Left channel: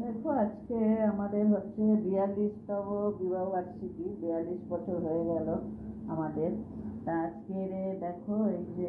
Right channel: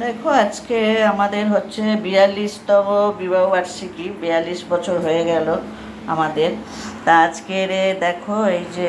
দেখো আজকে আমাদের হচ্ছে 42তম বিবাহবার্ষিকী, 42 বছর হয়ে গেল আমাদের। তা আজকের দেখো এই যে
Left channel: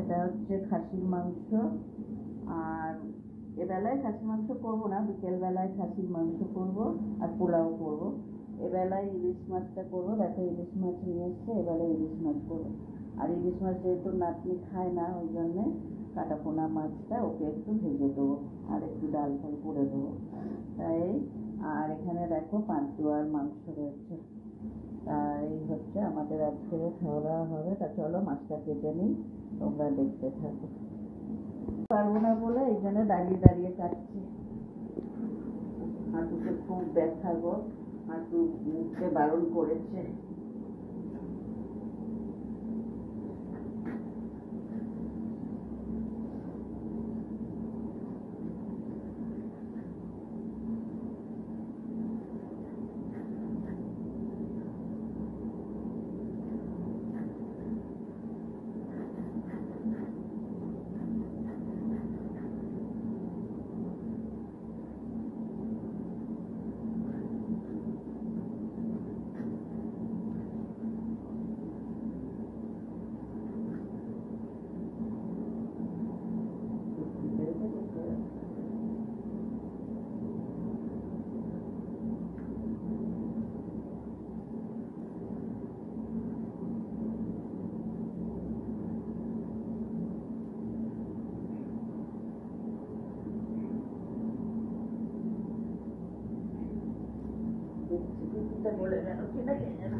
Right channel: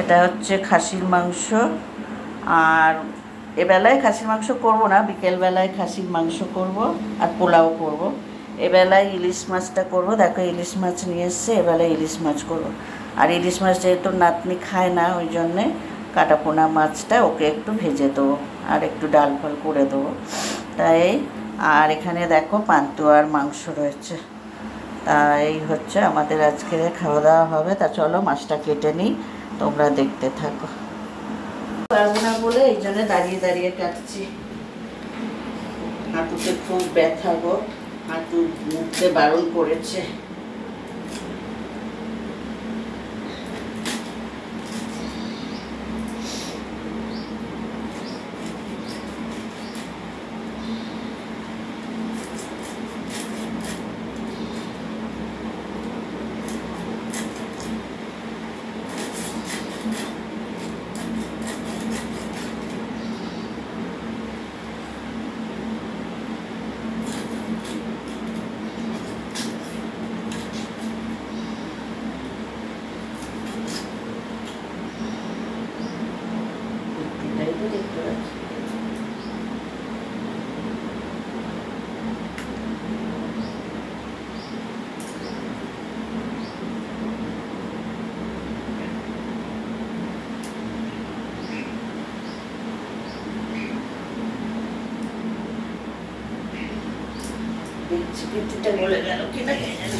এটা হচ্ছে খাসির মাংস। আর এবেলায় খাসির মাংস করব না, বিকেলবেলায় খাসির মাংস করব আর পোলাও করব। এবেলায় ইলিশ মাছটা করব। দেখো ইলিশ মাছ নিয়ে এসছে, এবেলায় ইলিশ মাছ করব। আর ইলিশ মাছ যেহেতু নাতনি খায় না, ওই জন্যে কাটাপোনা মাছটা ওকে একটু ভেজে দেবো আর একটু ডাল ফাল করে দেবো, তাই। আর এখানে দেখো পান্তুয়ার মাংস রয়েছে। তা এই হচ্ছে আমাদের আজকে খাওয়া দাওয়া হবে। তা চলো মাছটা কেটে নিই, তোমরা দেখতে থাকো। পারবো না বলে এই জন্য দাঁড়িয়ে দাঁড়িয়ে কাটছি। হাঁটুতে খুব ব্যথা গো, হাঁটু মুখতে বারণ করেছে। দেখতে পাচ্ছি পিঠিটা গলে গেল কিনা কে জানে।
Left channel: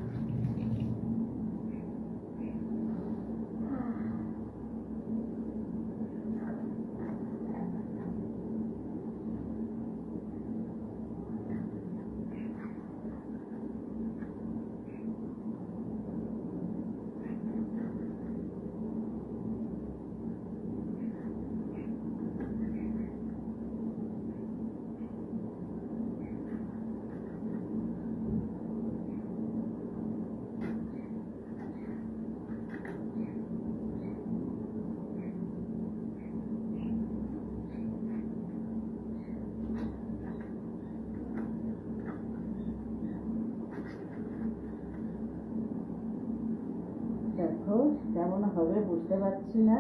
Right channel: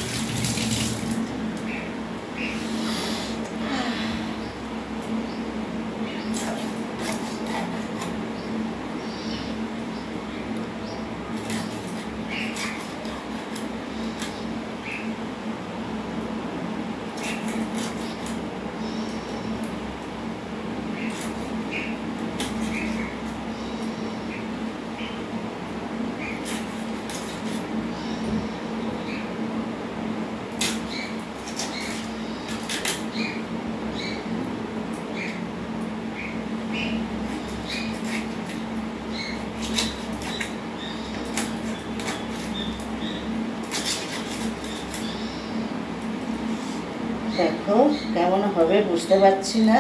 দেখো কেমন হবে বুঝতে পারছি না।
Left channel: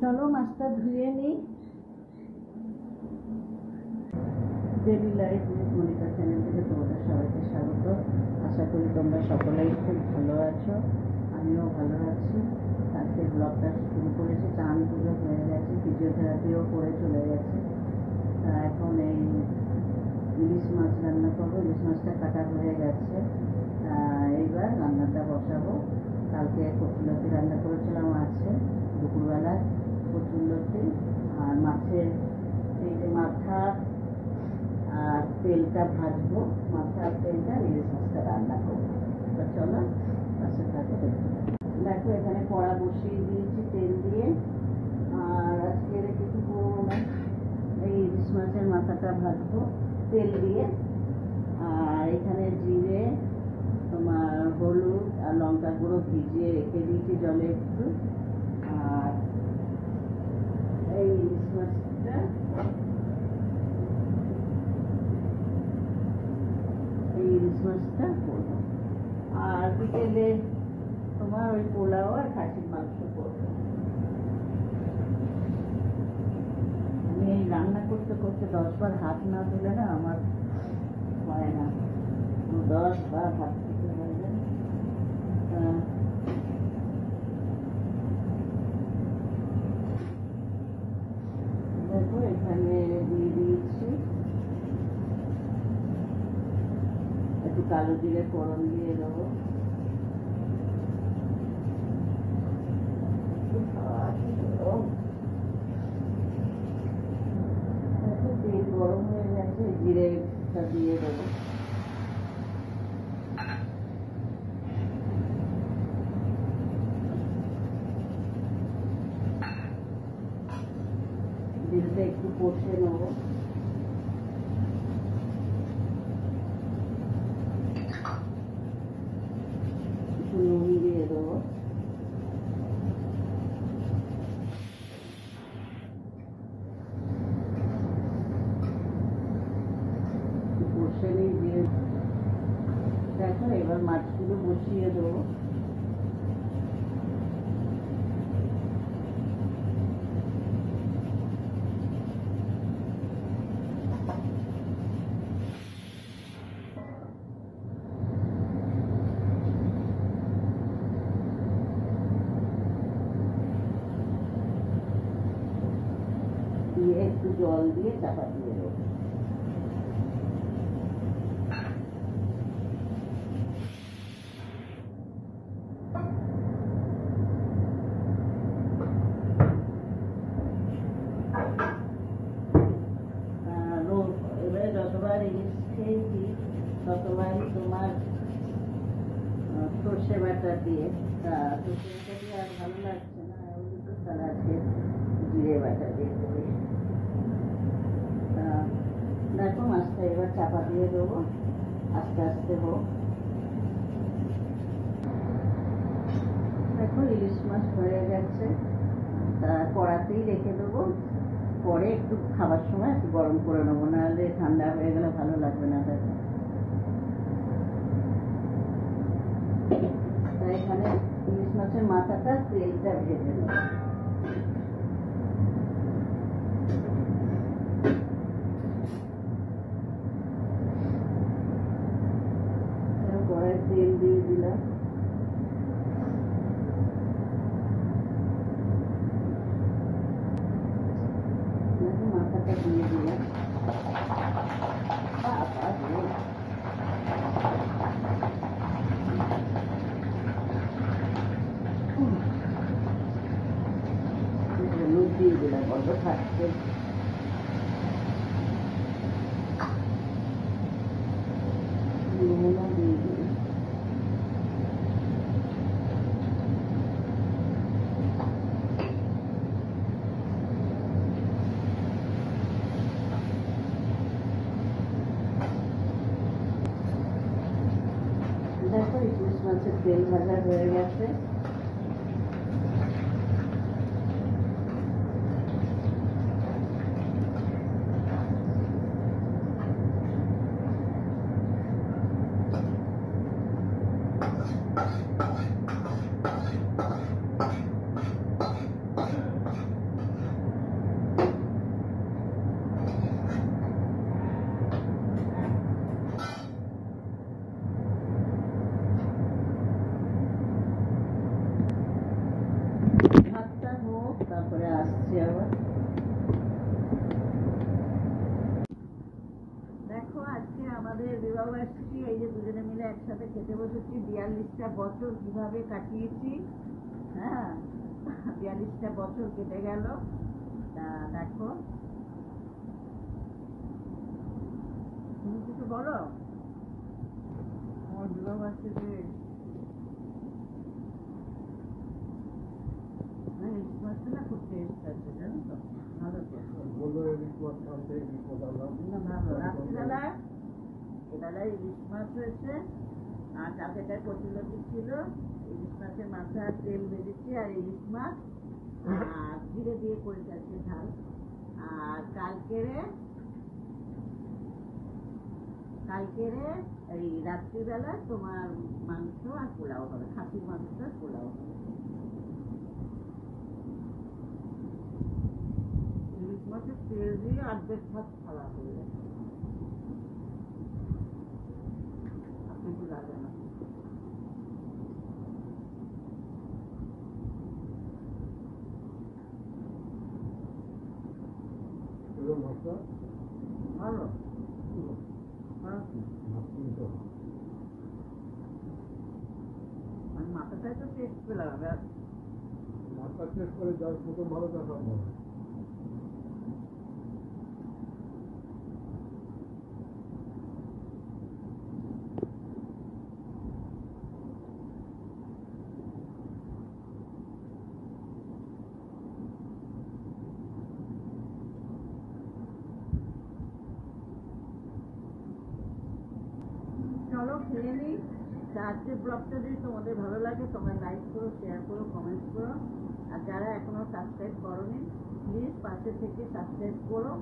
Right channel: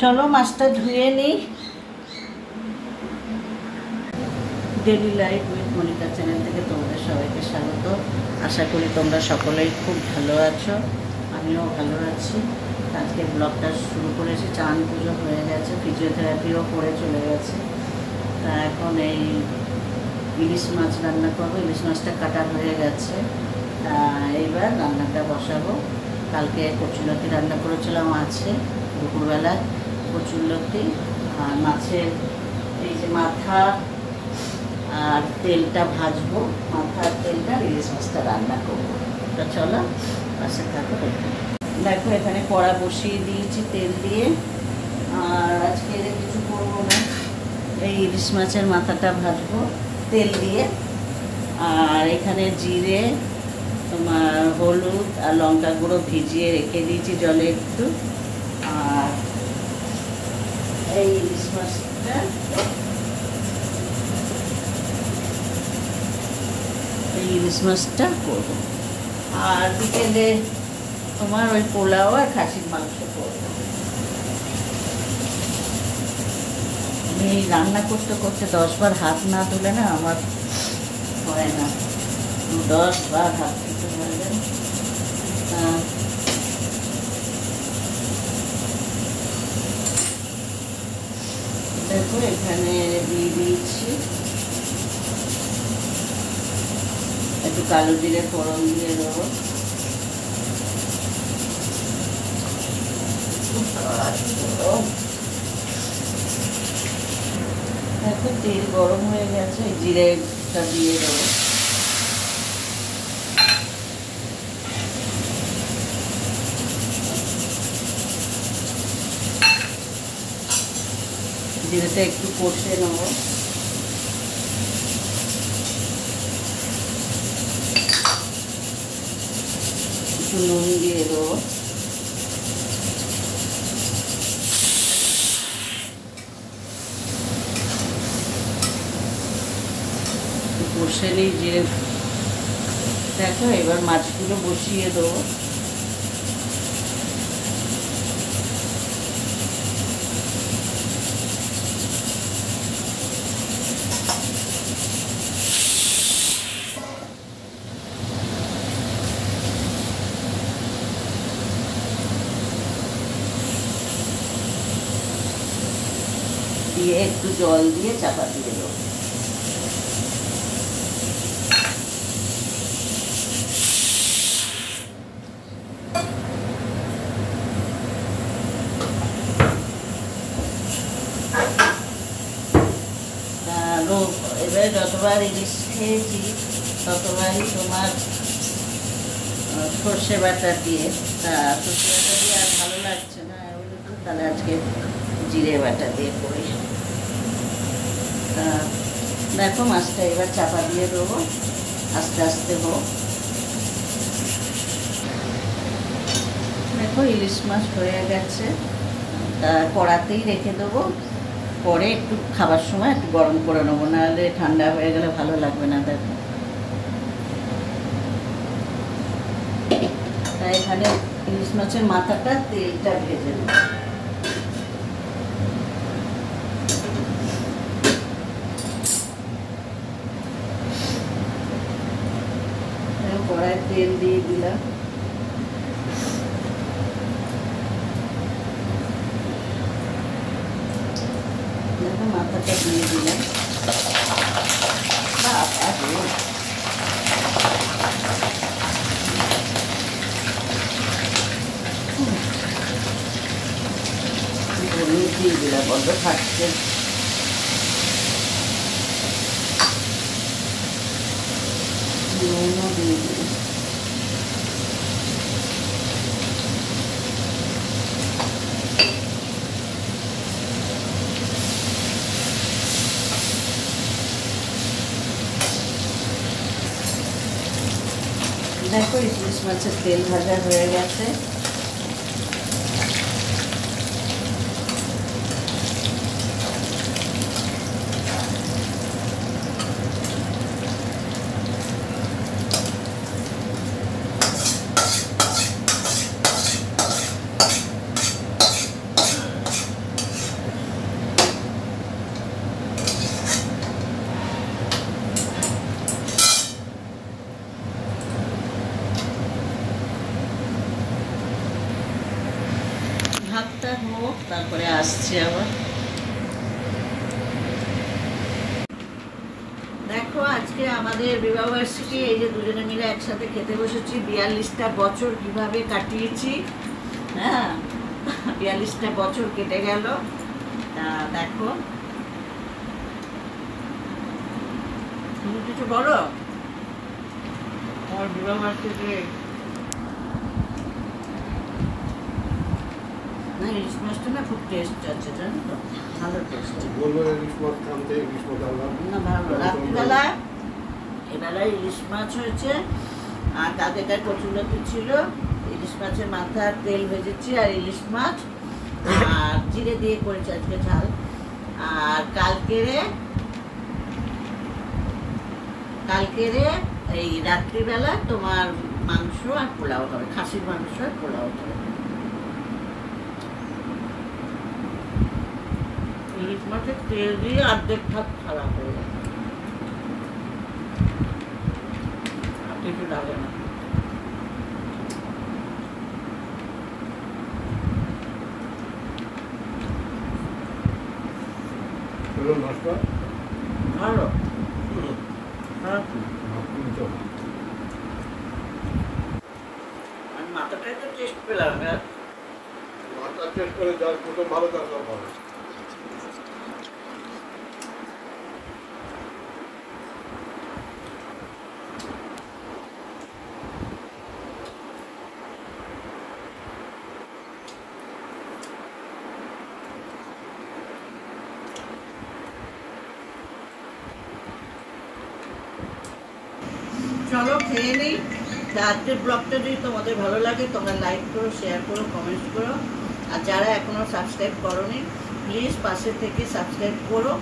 চলো মাছটা ধুয়ে নিই। Daily life with Monica channel থেকে তোমাদের সবাইকে স্বাগত। আশা করি তোমরা সকলেই খুব ভালো আছো, আমিও ভালো আছি। আজকে ব্লগটা শুরু করেছি, চান পুজো হয়ে গেছে, ফিজিওথেরাপিও করে চলে গেছে। তা এখন এই ইলিশ মাছ রান্না করবো। ইলিশ মাছটা কাটা হয়ে গেছে, তা এইবার রান্নাটা বসাবো। কালকে কচুলতি রান্না করেছিলাম, আছে দুপুরবেলা কচুলতি আর মাছের এই যে মাথা আর তেলটা ভাজবো। মাথা আর তেলটা ইলিশ মাছটা রান্না করবো। তা চলো পাশে থাকো। দেখো এখানে কড়া বসিয়ে দিয়েছি তেল দিয়ে। আর আজকে কিছু করবো না, এই ইলিশ মাছের মাথাটা ভাজবো তেল দিয়ে। আর এখানে জিরে, তোমার হলুদ আর লঙ্কা গুঁড়ো ভিজিয়ে রেখে দিয়েছি জলে একটু। আর এই ইলিশ মাছটা ইলিশ মাছটা করবো। আর বিকেলে তোমার ওই পোলাও আর খাসির মাংস করবো। আমি রান্না করতে করতে 10 বার হাত না ধুলে না আমার হয় না। 10 বার হাত ধুতে পারলেন। দেখো এখানে দিয়ে দিয়েছি একটু কালো জিরে ফোড়ন দিয়ে দেবো। দেখো তেল গরম হয়ে গেছে, জিরেটা দিয়ে দেবো। জিরেটা একটু কষে নেবো। নুন দিয়ে দেবো। বসে নিই জিরে। দেখো এবার মাছগুলো বসিয়ে দেবো। দিয়ে একটু জল দিয়ে চাপা দিয়ে দেবো। এবারে যতবার ইলিশ খেয়েছি ততবারই তোমার সর্ষে বাটা দিয়ে, তা সর্ষে বাটা দিয়ে আর ভালো লাগছে না, তাহলে আজকে জিরে বাটা দিয়ে করি। তা দেখো মাছটা এবার চাপা দিয়ে দেবো, আস্তে আস্তে হোক। দেখো ইলিশ মাছ হয়ে গেছে, তা কড়াতেই রেখে দেবো, পরে একটু খাবার সময় একটু গরম করে নেবো, নাহলে ঠান্ডা হয়ে গেলে ভালো লাগবে না। দেখো তাই এখানে ইলিশ মাছের মাথাটা তেলটা ভেজে নেব। কড়াই তেল দিয়ে দিলাম। মাথাটা দিয়ে দিলাম। দিয়ে দিলাম, বড্ড থাকছে। নুনও দিয়ে দিলাম। দেখো ইলিশ মাছের তেল ভাজা হয়ে গেছে। ভাতটা হোক, তারপরে আসছি আবার। দেখো আজকে আমাদের বিবাহবার্ষিকী, এই যে দুজনে মিলে একসাথে খেতে বসেছি। 42টা বছর কিভাবে কাটিয়েছি, হ্যাঁ 42টা বছর কেটে গেল। তা দেখো তুমি কিছু বলো আমার বিবাহবার্ষিকী। না ইলিশ মাছটা না খুব টেস্ট আছে, জানো তো, ভালো টেস্ট। না ভালো। রাত্রিবেলা এবেলায় ইলিশ মাছ হয়েছে, আর কালকেকার কচুলতি ছিল, ইলিশ মাছের মাথা তেল ভেজেছি, আর ইলিশ মাছ আর জিরে দিয়ে করেছি আজকে ঝাল। আর কালকেরে এই রাত্রিবেলা তোমার মাংস আর পোলাও হবে, খাসির মাংস আর পোলাও হবে। ইলিশ মাছের তেল দিয়ে অর্ধেক ভাত খারাপ হয়ে যায়, কিছু লাগে না। ভালো মাথাটাই তো টেস্ট পেলাম। মাথা টেস্ট করে যার প্রথম ভালো তার সব ভালো। চলো খেয়ে নেই। তা আজকের ব্লগটা যদি তোমাদের ভালো লাগে তোমরা লাইক করো, শেয়ার করো, কমেন্ট করো। আর যারা এখনও সাবস্ক্রাইব করোনি প্লিজ পাশে থেকে সাবস্ক্রাইব করো।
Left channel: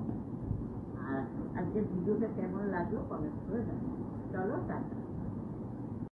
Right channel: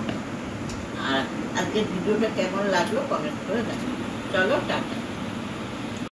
আর আজকের ভিডিওটা কেমন লাগলো কমেন্ট করে জানাও। চলো টাটা।